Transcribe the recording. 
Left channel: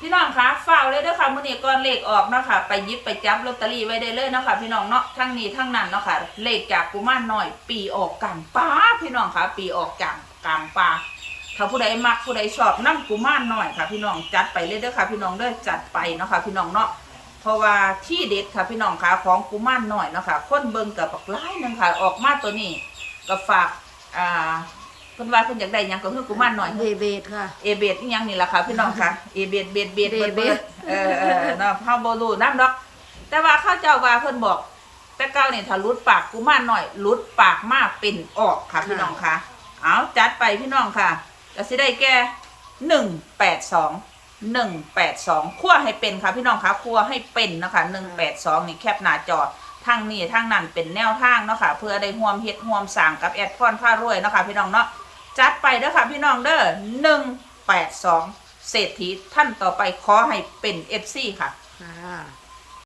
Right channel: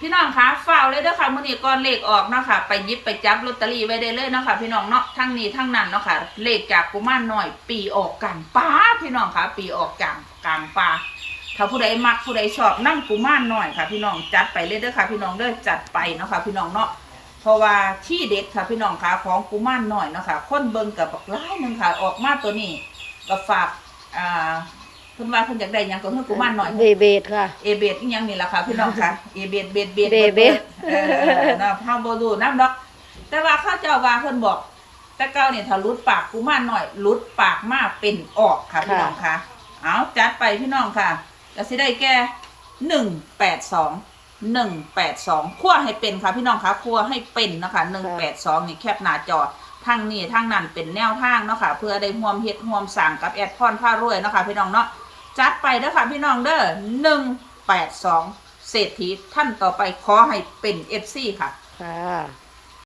พี่น้องคะฝ้าวเลยเด้อค่ะมื้อนี้ก่อนเลขออกเนาะค่ะ ไปยิบไปจับลอตเตอรี่ไว้ได้เลยเนาะค่ะ พี่น้องเนาะทั้งนี้ทั้งนั้นเนาะค่ะ เลขจากกุมารน้อย ปีออกกลางป่าพี่น้องคะปีออกกลางกลางป่าถ้าผู้ใดมักผู้ใดชอบนั่งกุมารน้อยค่ะ พี่น้องจัดไปเลยเด้อค่ะ พี่น้องเด้อจัดไปเนาะค่ะ พี่น้องเนาะเพราะว่าที่เด็ดค่ะพี่น้องคะของกุมารน้อยเนาะค่ะคนเบิ่งกับบักหลายหนึงค่ะ ออกมาตัวนี้ก็ฝากอ่า เพิ่นว่าเพิ่นอยากได้หยังก็เพิ่นกุมารน้อย เบเบดค่ะ เอเบดอีหยังนี่ล่ะค่ะพี่น้องค่ะ เอเบดเบดเบดเบดเบดเออเออเนาะเฮาบ่รู้นำดอก แต่ว่าเข้าเจ้าว่าเพิ่นบอก แต่เก่านี่ถ้าหลุดปากกูมาหน่อยหลุดปากมาเป็นออกค่ะ พี่น้องค่ะ เอาจัดไปพี่น้องค่ะก็สิได้แก่182 182คั่วให้เป็นค่ะพี่น้องค่ะคั่วให้เป็นเนาะคะ182นี่แคปหน้าจอทางนี้ทางนั้นเป็นแนวทางเนาะค่ะเพื่อได้ร่วมเฮ็ดร่วมสร้างกับแอดพรผ้ารวยเนาะค่ะพี่น้องเนาะ จัดไปเด้อค่ะพี่น้องเด้อหนึ่งแปดสองเศรษฐีท่านต่อไปขอให้เป็นเอฟซีค่ะ ค่ะ